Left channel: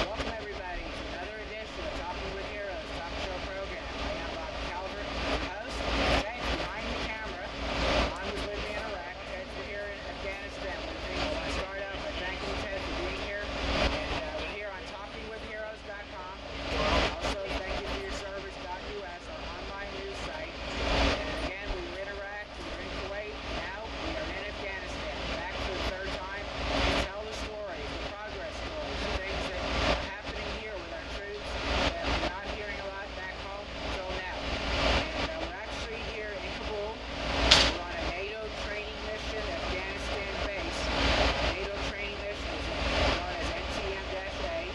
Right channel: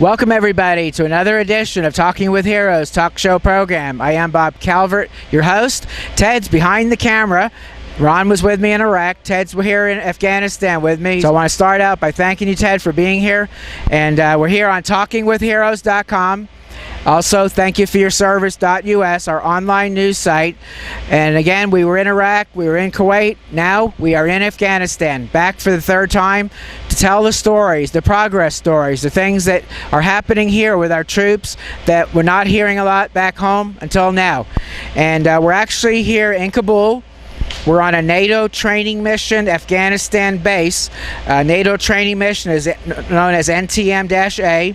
Welcome everybody to another edition of Talking with Heroes talk show program. I am Bob Calvert, your host. Ted's behind the camera. Ron was with me in Iraq. Ted's here in Afghanistan with me. So I want to start out by thanking you, Ted, for being here. And we're here on TalkingWithHeroes.com. Also, thank you for your service.us, our online news site. And again, we were in Iraq, we were in Kuwait, now we are in Afghanistan, back for the third time to tell the stories, the progress stories, the things that are happening here with our troops that we're not hearing a lot back home until now. And we're actually here in Kabul. We're on a NATO Training Mission Afghanistan base. NATO Training Mission is known as NTM-A,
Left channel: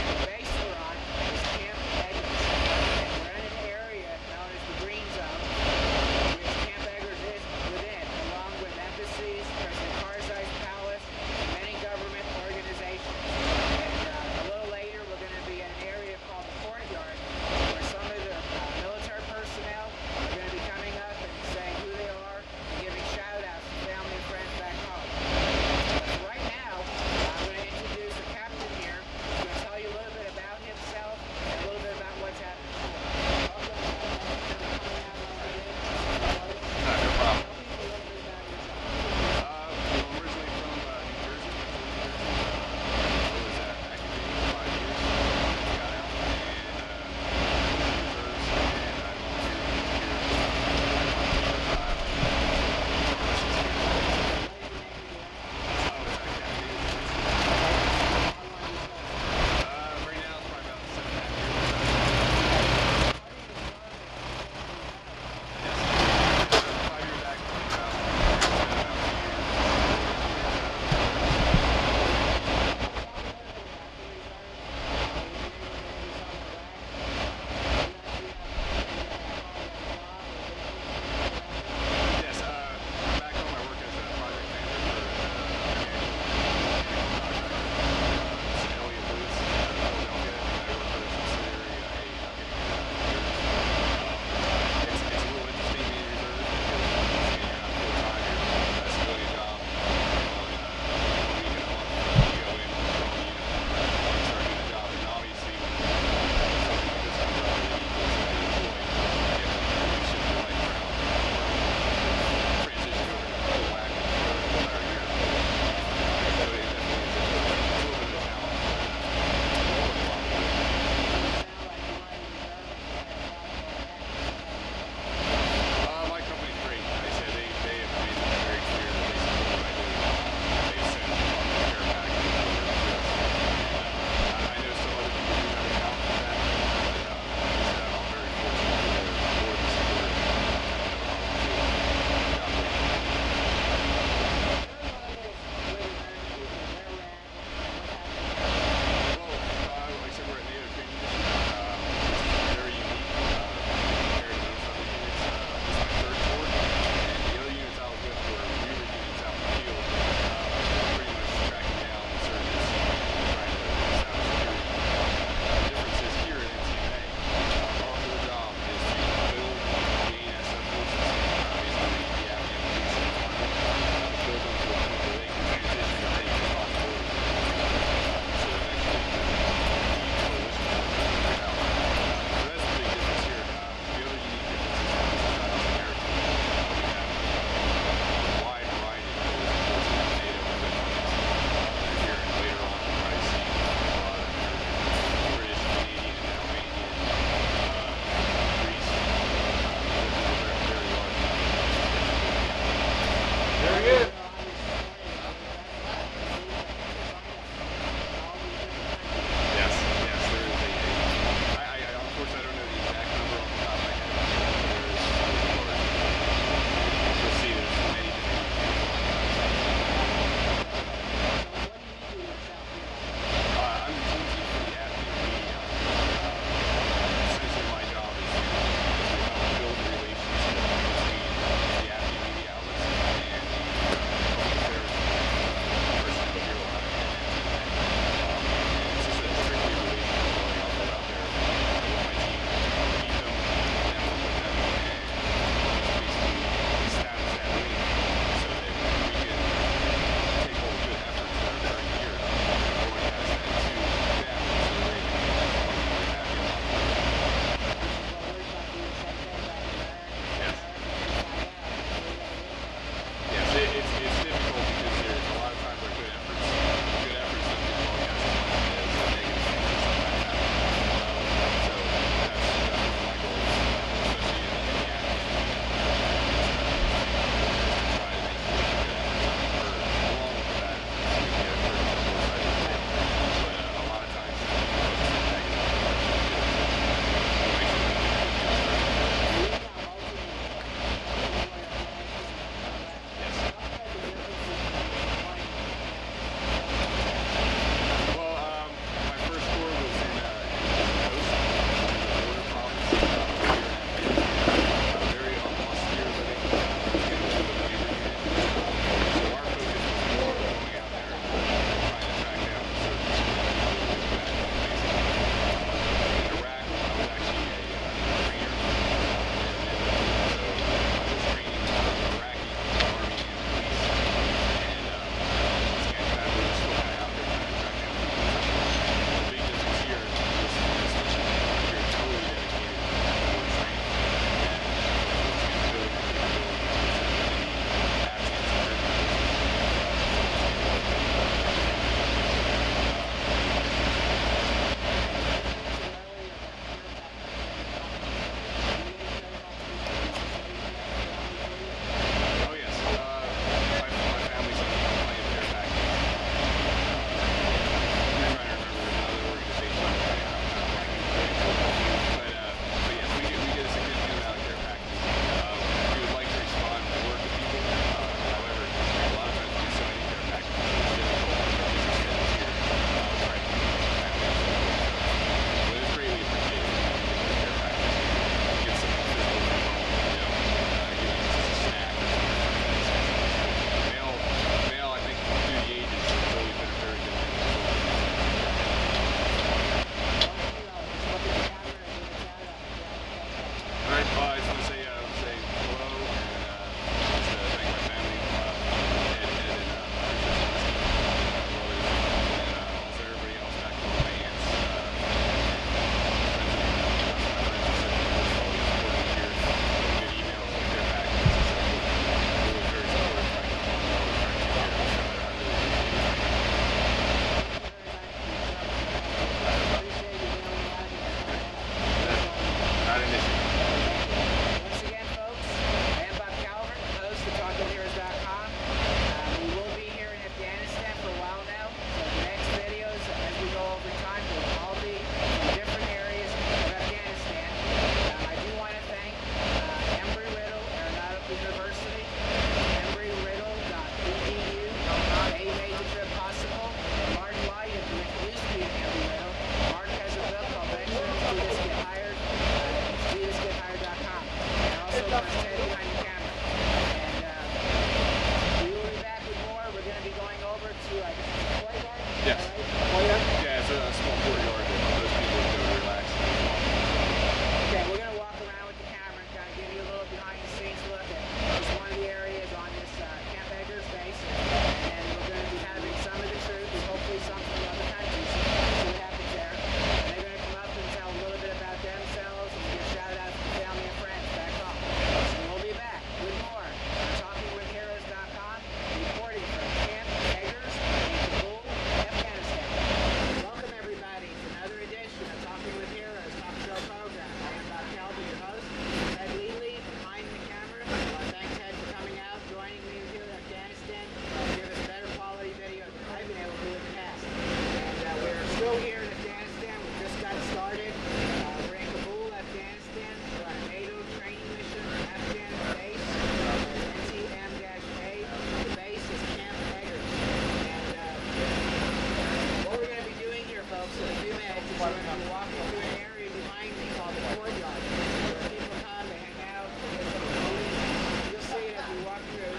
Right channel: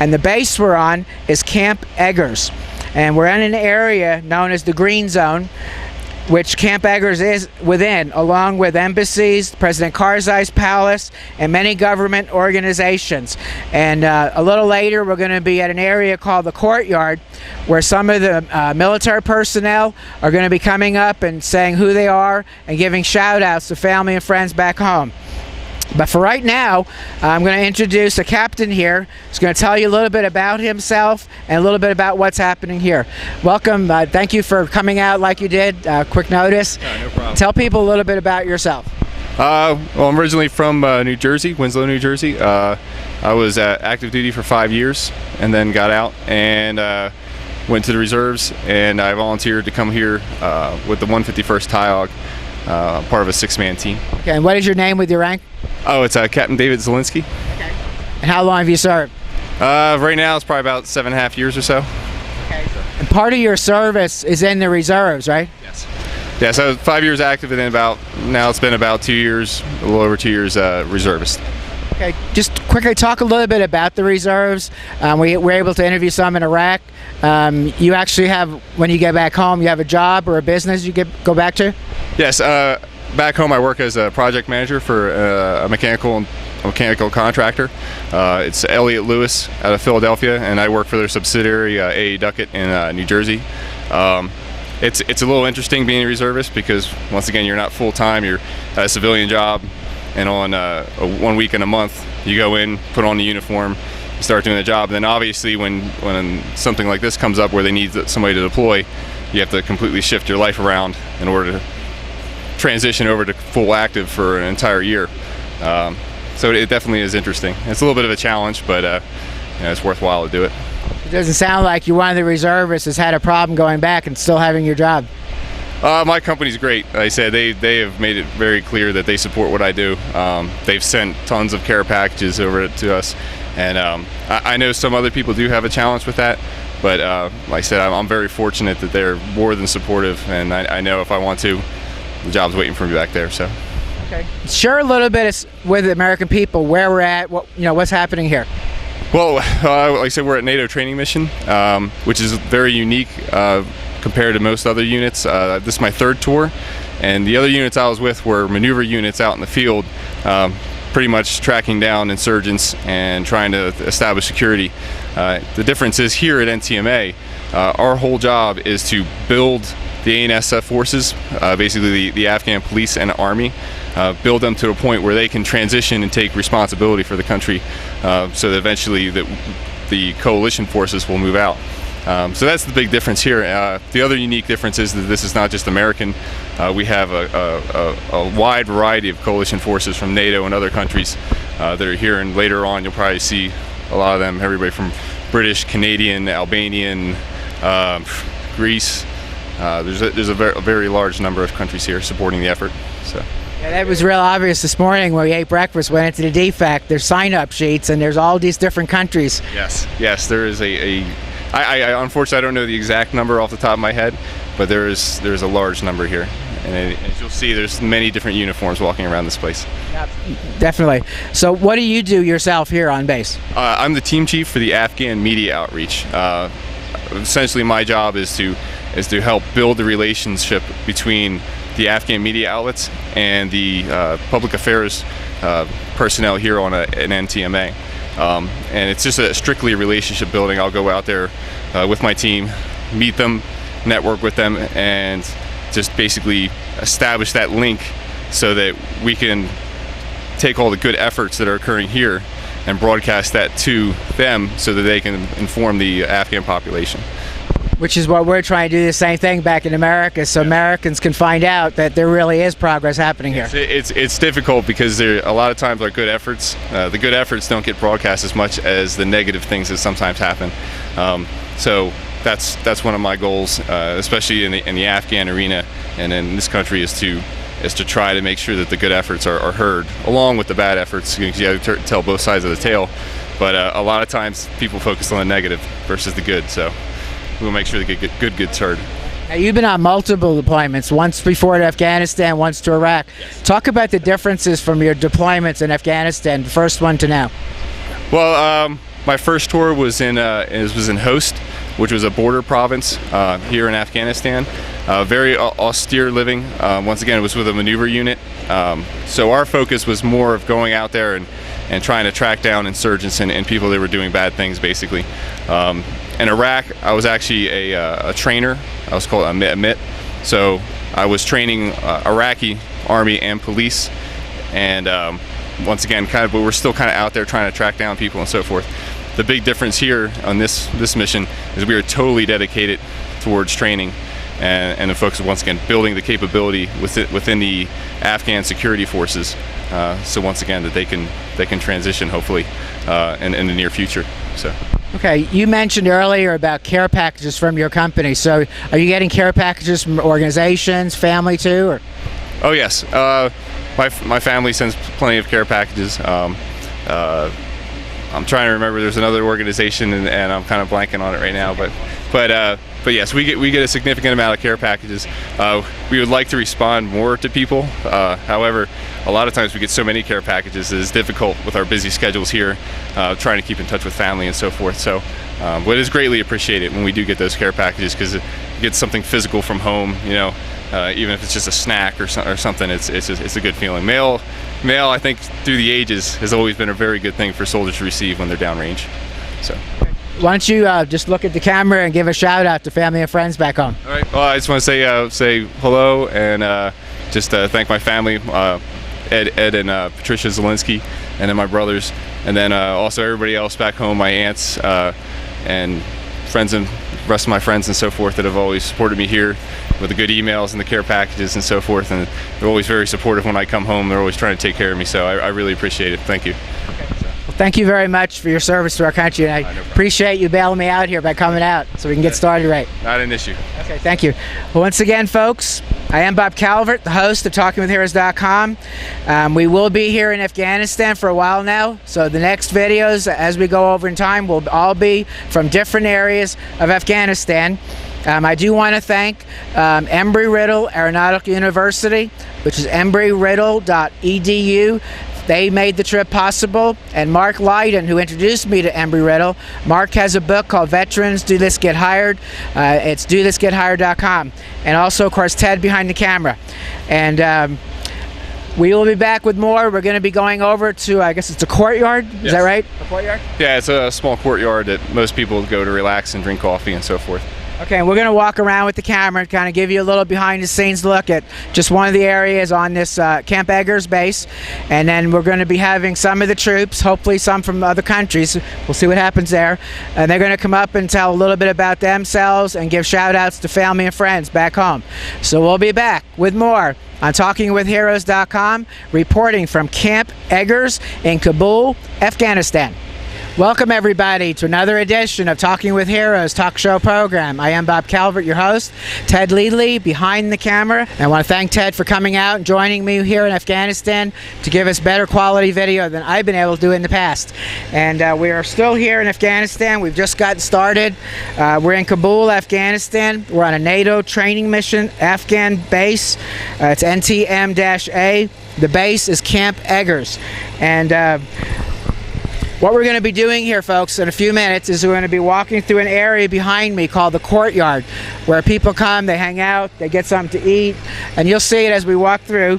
and the base we're on is Camp Eggers. And we're in an area known as the Green Zone, which Camp Eggers is within, along with embassies, President Karzai's palace, and many government organizations. And a little later, we're going to be at an area called the Courtyard, where some of the military personnel are going to be coming up and saying who they are and giving shout-outs to family and friends back home. But for right now, I'm going to introduce a captain here who's going to tell you a little bit about himself and a little bit about what's happening here. Welcome. Thank you for coming out like you did. Quick notice. No problem. Tell people a little bit about yourself. Well, I'm originally from New Jersey, Winslow, New Jersey. I was active duty for 5 years and then got out and went to the reserves, and I volunteered to come here with the 151st TIOG, part of a 6-man team. Okay, and what is your name with your rank? Oh, it's Capt David Zolinski. Okay. And how long have you served? Right now it's probably about 7.5 years or so. Okay. And part of your service is in the reserves, right? Yes. Yeah, so 5 years active, and then now it's been about 2 years, a little over 2 years reservist. Okay, just quickly talk a little bit about the reserves. We were able to interview some in Iraq. You actually have, when you get back home, you have a job or a business you go back to? Yes, back home I work as a project manager for a mechanical contractor. It's Elliott Lewis out of Philadelphia, and I work for their subsidiary A.A. Duckett in New Jersey. It's a little interesting being a reservist because, once again, you're not full-time, you're at a civilian job, and on 1 week in a month you go in, put on the uniform, start doing the job. And then obviously when something like this comes up where they need somebody to deploy, you have to completely shift your life around in order to transition over to full active for an entire year. So it definitely is interesting. It's a little bit of a challenge, but it's worthwhile to do it. It doesn't sound like you're one of the reservists that's had a problem going back and still having your job. My company's great. Like I said, they have made it very clear that they support what I do. They've sent tons of care packages over to us. And I know some other people do have a challenge with that, but like I said, I'm very fortunate that they're more than supportive, and I know if I want to, the job's waiting for me back there. So, okay. Share a little bit with the American people where we're at, what's happening here. Well, like I said, we're at NATO Training Mission, which is very unique compared to most other units. This is my third tour, and the other units I was with were maneuver units out in the field, pretty much tracking down insurgents and trying to establish security. The difference is here at NTM-A, our whole job is to build the ANSF forces, basically the Afghan police and army, build them to a point where they can transition and take responsibility for the country, so that eventually the coalition forces will move out. So that's the big difference here. The other unique difference is that this is not just American. We have a wide variety of coalition forces from NATO and other countries that are here, and later on you'll probably see a lot of them, everybody from British, Canadian, Albanian, Greece. There's a very large number of countries here supporting the effort. So. It was real obvious this morning when we ate breakfast, went into the DFAC, there's sign-up sheets and there's all these different countries. Yes, there is I unfortunately I don't know the exact number off the top of my head, but there's a large number here, and as you'll see, there's many different uniforms walking around this place. Definitely. So what do you do yourself here on base? I'm the team chief for the Afghanistan Media Outreach. Essentially, my job is to help build the relationship between the Afghan media outlets and the public affairs personnel here on an NTM-A. And it's just a strictly relationship building. I'll go out there with my team, meet them, network with them, and just basically establish that link so that we can take all the good efforts that are occurring here and broadcast that to them so that they can inform the Afghan population. Which is what we're trying to do, the same thing back in America, so Americans can find out that there really is progress happening here. It's difficult because a lot of times our good efforts, the good efforts don't get broadcast as much as the negative things that sometimes happen. So that's one of my goals, especially in the Afghan arena and in this country, is to try to make sure that the good efforts are heard, along with the bad efforts. You have to tell both sides of the tale, but a lot of times people focus on the negative versus the good. So we'll make sure the good gets heard. You've been on multiple deployments, once before to Afghanistan, once to Iraq. Talk about the differences from your deployments in Afghanistan, first one to now. Well, my first tour was in Host, which was a border province here in Afghanistan. Very austere living. Once again, it was with a maneuver unit. So our focus was more of going out there and trying to track down insurgents and people that were doing bad things, basically. In Iraq, I was actually a trainer. I was called a MIT. So I was training Iraqi army and police. And once again, we were still kind of out there trying to track down people and so forth. The big difference here on this mission is we are totally dedicated towards training and the focus, once again, building the capability within the Afghan security forces. So once again, that they can transition hopefully in the near future. So. Okay, you mentioned earlier about care packages from your company. So are you getting care packages from organizations, family too? Or? Oh yes, my family sends plenty of care packages. I'm trying to remember. There's another organization, and I'm kind of blanking on it right now. But yes, we get a significant amount of care packages. We would like to respond more to people. However, a lot of times we get so many care packages that it's difficult with our busy schedules here, trying to keep in touch with family and so forth. So, but it is greatly appreciated when we do get those care packages, because it gets something physical from home. Even if it's just a snack or something, it's a good feeling. Mail, I think through the ages has always been a very good thing for soldiers to receive when they're downrange. So. Why don't you just look at the camera and give a shout out to family and friends back home? All right. Well, I just want to say hello and just thank my family, Ed and Patricia Zolinski, and then my brothers, and then also everybody else back home, my aunts and friends and the rest of my friends and so forth that have always supported me here with the good emails and the care packages and so forth, and they're always very supportive when I come home. They're always trying to take care of me, so I really appreciate it. Thank you. Thank you very much for your service to our country, and I appreciate you bailing me out here by coming out so we can get started right. Not an issue. Okay, thank you. Well, once again, folks, I am Bob Calvert, the host of TalkingWithHeroes.com. We will be here in Afghanistan for a while now, so the next videos, as we go over in time, will all be from different areas of Afghanistan. I do want to thank Embry-Riddle Aeronautical University, which is embryriddle.edu. They made the trip possible, and Mark Lydon, who introduced me to Embry-Riddle. Mark has a book called Veterans Do This Get Hired. It's dothisgethired.com. And also, of course, Ted behind the camera. And we will be back with more. We're going to be going over to, I guess it's a Courtyard. Is that right? A Courtyard? Yeah, it's a small courtyard that most people go to relax and drink coffee and so forth. Okay, we're going to walk around with the camera and kind of give you a little behind-the-scenes look at just one of the areas on this Camp Eggers base. And then we're going to be having some of the troops, hopefully some from other countries. We'll see what happens there. And they're going to come up and tell a little bit about themselves and give shout-outs to family and friends back home. So we'll be back with more on TalkingWithHeroes.com, reporting from Camp Eggers in Kabul, Afghanistan. Welcome, everybody, to another edition of Talking with Heroes talk show program. I am Bob Calvert, your host. Ted Leadley behind the camera. I want to thank Ted for coming out and joining me here in Afghanistan to give us better quality video than I've been able to do in the past. And we are still here in Afghanistan. We've just gotten started. We're in Kabul, Afghanistan. We're on a NATO Training Mission Afghan base. It's NTM-A. The base is Camp Eggers. And what we're going to be doing here, folks, in a few minutes is we're going to be walking through an area behind me called the Courtyard, where people come, they hang out, they get something to eat, and you'll see it as we walk through.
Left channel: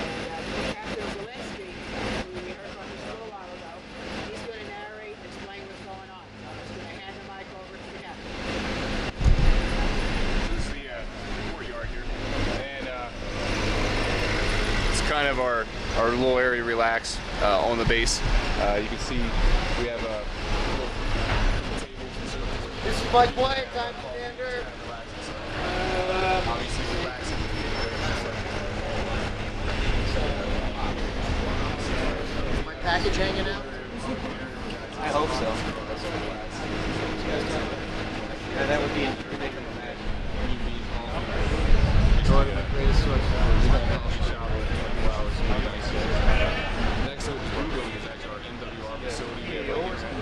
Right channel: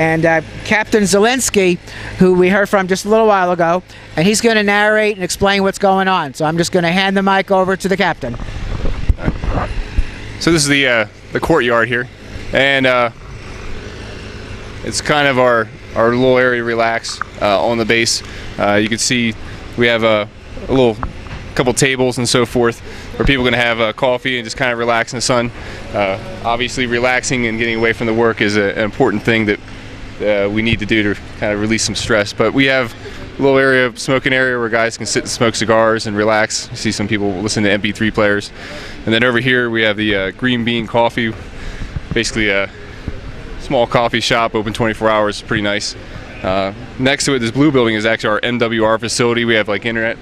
And Captain Zolinski, who we heard from just a little while ago, and he's going to narrate and explain what's going on. So I'm just going to hand the mic over to the captain. So this is the Courtyard here, and it's kind of our little area to relax on the base. You can see we have a couple tables and so forth where people are going to have coffee and just kind of relax in the sun. Obviously, relaxing and getting away from the work is an important thing that we need to do to kind of release some stress. But we have a little area, smoking area, where guys can sit and smoke cigars and relax. You see some people listen to MP3 players. And then over here we have the Green Bean Coffee, basically a small coffee shop, open 24 hours, pretty nice. Next to it, this blue building is actually our MWR facility. We have like internet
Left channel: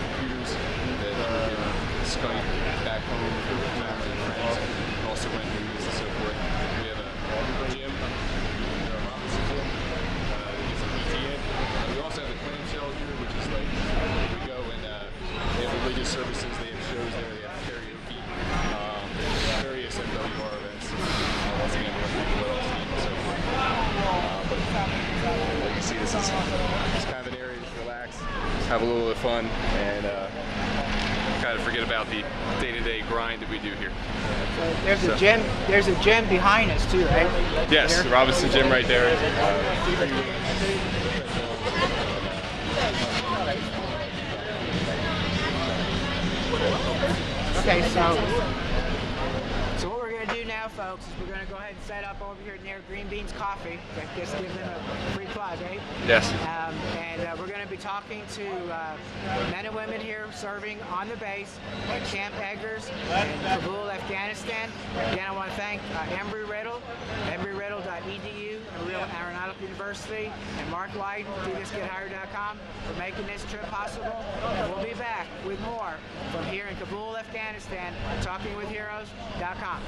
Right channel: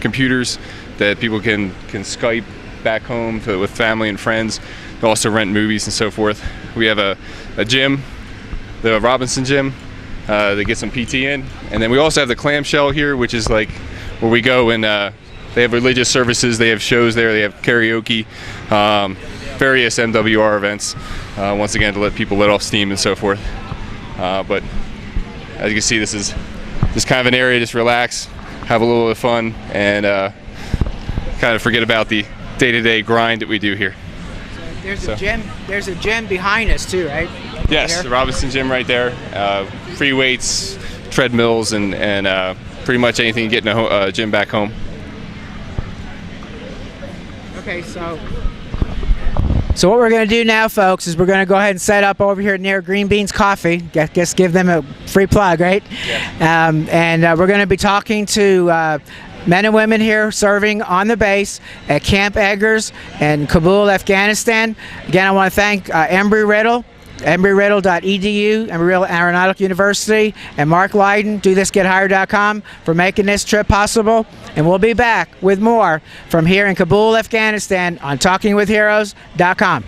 computers that people can Skype back home with family and friends. We also rent movies and so forth. We have a gym, the Robinson Gym, to get some PT in. And then we also have the clamshell here, which is like where we go and they have religious services, they have shows there, they have karaoke, various MWR events, once again to let people let off steam and so forth. But as you can see, this is just kind of an area, just relax, have a little bit of fun, and kind of forget about the day-to-day grind that we do here. There's a gym behind us too, right? Yes, the Robinson Gym right there. Free weights, treadmills, and pretty much anything you get in a gym back home. Okay, so what we're going to do now, folks, is we're going to go ahead and set up over here near Green Beans Coffee. Guess give them a free plug, right? Yes. And we're going to be talking to men and women here serving on the base at Camp Eggers in Kabul, Afghanistan. Again, I want to thank Embry-Riddle, embry-riddle.edu, Embry-Riddle Aeronautical University, and Mark Lydon, DoThisGetHired.com, for making this trip possible. And we'll be back with more from here in Kabul, Afghanistan on TalkingWithHeroes.com.